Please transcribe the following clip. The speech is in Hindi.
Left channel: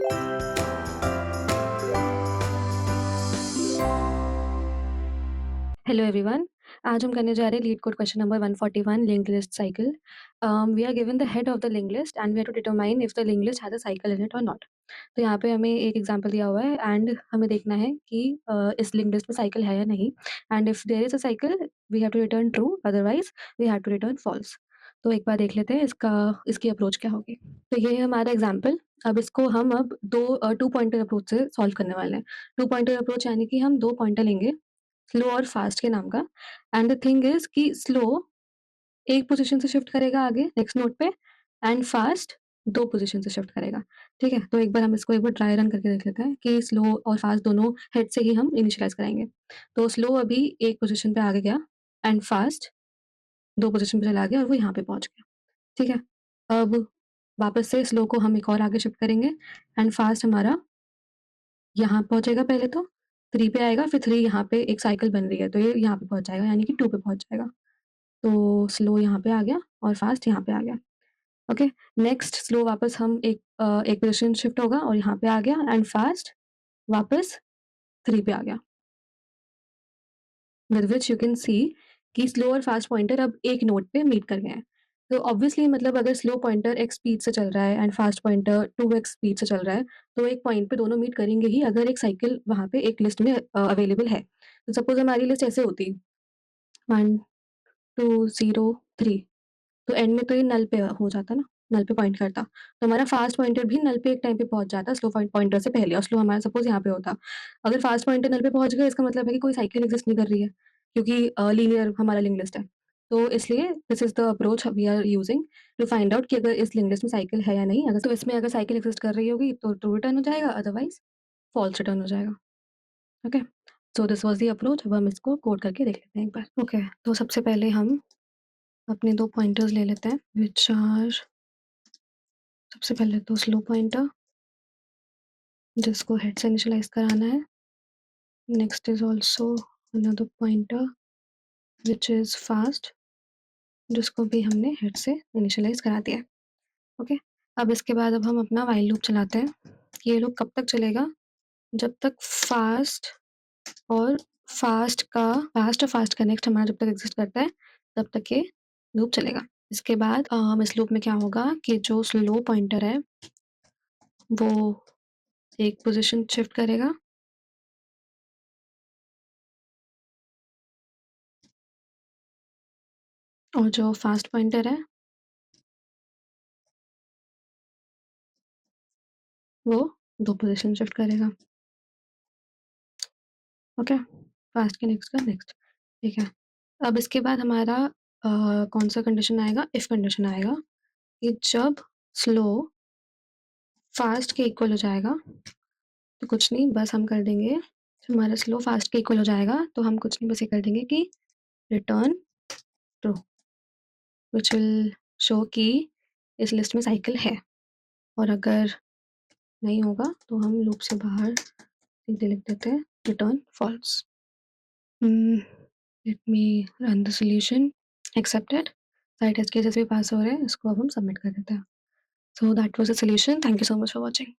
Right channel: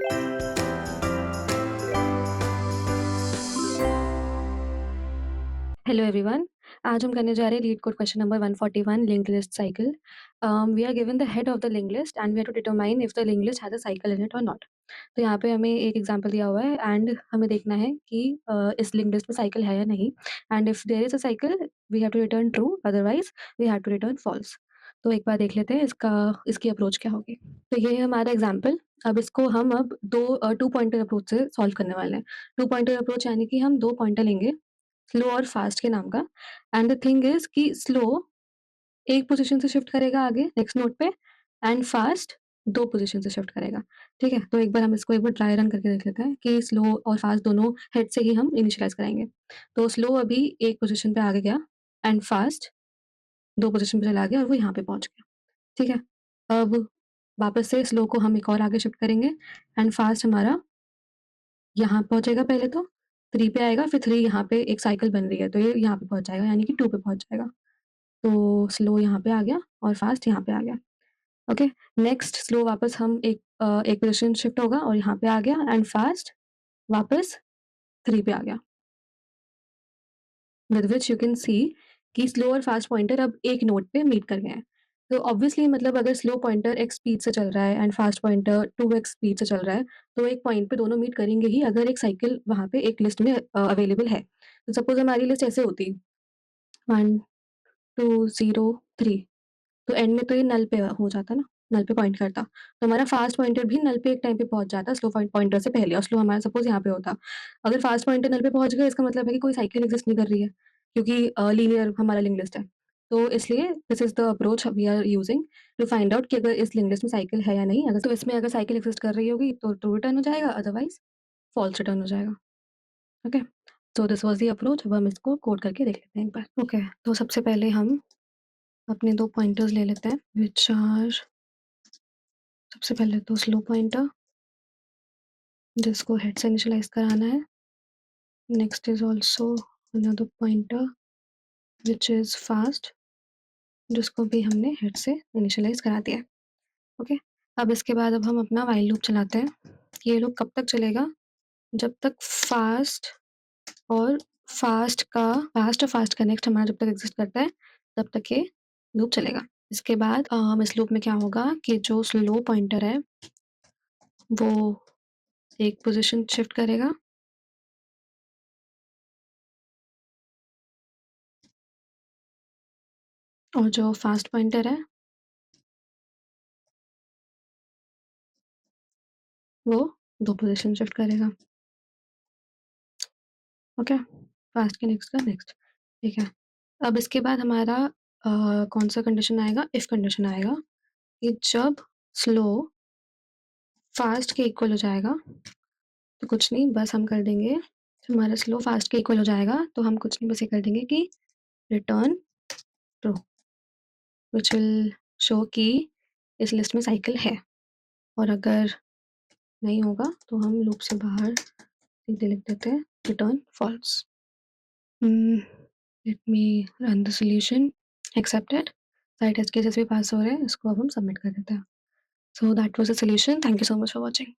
Hello everyone. आज हम करने जा रहे हैं LeetCode question number 141 linked list cycle. We are given the head of the linked list and we have to determine if the linked list has a cycle in it or not. तो यहाँ पे हमें एक एग्जांपल दिया हुआ है एंड हमें देखना है कि इस लिंक्ड लिस्ट में साइकिल है या नहीं, and if there is a cycle we have to return true, otherwise we have to return false. तो एक बार देख लेते हैं इसकी अप्रोच क्या होगी। तो ये है हमारा एग्जाम्पल। अब इसको हम अब टू पॉइंटर अप्रोच से सॉल्व करने वाले हैं। टू पॉइंटर अप्रोच यानी कि हम दो पॉइंटर लेंगे, स्लो और फास्ट के नाम का। एंड द थिंग इज कि स्लो एक पोजीशन से शिफ्ट करेगा आगे नेक्स्ट नोड पे, एंड फास्ट दो पोजीशन से शिफ्ट करेगा। ठीक है, तो एक बार हम इसको एक बार ट्राई रन करके देख लेते हैं कि स्लो और फास्ट दोनों हेड से ही हम इनिशियलाइज कराएंगे। तो स्लो अभी एक पोजीशन पे आगे गया एंड फास्ट दो पोजीशन पे चला गया और वो यहाँ पे पहुंच गया। ठीक है, अब वापस से स्लो को हम एक और आगे शिफ्ट करेंगे एंड फास्ट हमारा यहाँ पहुंचेगा, पहले तो 3 पे आएगा, फिर 3 यहाँ पे एक साइकिल बन रही है तो ये यहाँ पे पहुंच जाएगा, यानी कि 2 पे पहुंच जाएगा। तो स्लो यहाँ पे आ गया और फास्ट यहाँ पे आ गया। ओके, नेक्स्ट स्लो वापस हम एक पोजीशन शिफ्ट होगा और यहाँ पे आ गया एंड फास्ट वापस 3 पे आ गया। With which you can see कि स्लो और फास्ट पॉइंटर अब एक नोड पे मीट कर गए हैं। तो ऑब्वियसली मतलब अगर स्लो पॉइंटर एक स्पीड से चल रहा है and fast pointer 2x speed से चल रहा है, तो एक पॉइंट पे दोनों मीट करेंगे ही अगर एक साइकिल वहाँ पे एक लिस्ट में अवेलेबल है। तो सपोज हमारी लिस्ट ऐसे होती 1 2 0 3, तो एंड में तो ये नल पे हो जाता ना, नल पे पॉइंट करता। तो हमारा फास्ट पॉइंटर भी नल पे एक टाइम पे पहुँच जाता स्लो पॉइंटर से पहले, और स्लो हमारा सपोज़ यहाँ पे होता। अगर फास्ट पॉइंटर नल पे पहुँच गया इसका मतलब है कि कोई साइकिल एग्ज़िस्ट नहीं कर रही है, क्योंकि लीनियर हमारा लिंक लिस्ट है। तो इसलिए this is the approach we are using to find out कि अगर इस लिंक लिस्ट में साइकिल है या नहीं। अगर तो इसमें अगर साइकिल एग्ज़िस्ट कर रही होगी तो ट्रू रिटर्न हो जाएगा, अदरवाइज़ फॉल्स रिटर्न हो जाएगा। Okay, so this was the approach. अब हम इसको कोड करके देख लेते हैं एक बार। ओके, तो सबसे पहले हम अपने 2 पॉइंटर्स ले लेते हैं व्हिच आर, सबसे पहले तो स्लो पॉइंटर जिसको हेड से इनिशियलाइज कराना है। Next is also another pointer which is fast जिसको भी हमने हेड से इनिशियलाइज करा दिया है। ओके, अब इसके बाद अब हम अपना व्हाइल लूप चलाते हैं। ये लूप कब तक चलेगा? जब तक और फास्ट का नेक्स्ट हमारा जब तक एग्जिस्ट करता है तब तक ये लूप चलेगा। इसके बाद इस लूप में क्या होगा कि जो स्लो पॉइंटर है वो एक पोजीशन शिफ्ट करेगा और जो फास्ट पॉइंटर है वो दो पोजीशन शिफ्ट करेगा। ओके, फास्ट के नेक्स्ट का नेक्स्ट। ठीक है, अब इसके बाद हमारा कौन सा कंडीशन आएगा? इफ कंडीशन आएगा कि जब स्लो फास्ट के इक्वल हो जाएगा, तो कुछ नहीं, बस हम कर देंगे, हमारा स्लो फास्ट के इक्वल हो जाएगा तो हम कुछ नहीं, बस ये कर देंगे कि return true, which will show कि इस लिस्ट में साइकिल है। और अगर नहीं होगा तो हम लूप से बाहर सीधे लिख देते हैं return false. Let me run the solution, accepted. सारे टेस्ट केसेस भी पास हो रहे हैं, इसको अब हम सबमिट कर देते हैं। So that was the solution. Thank you so much for watching.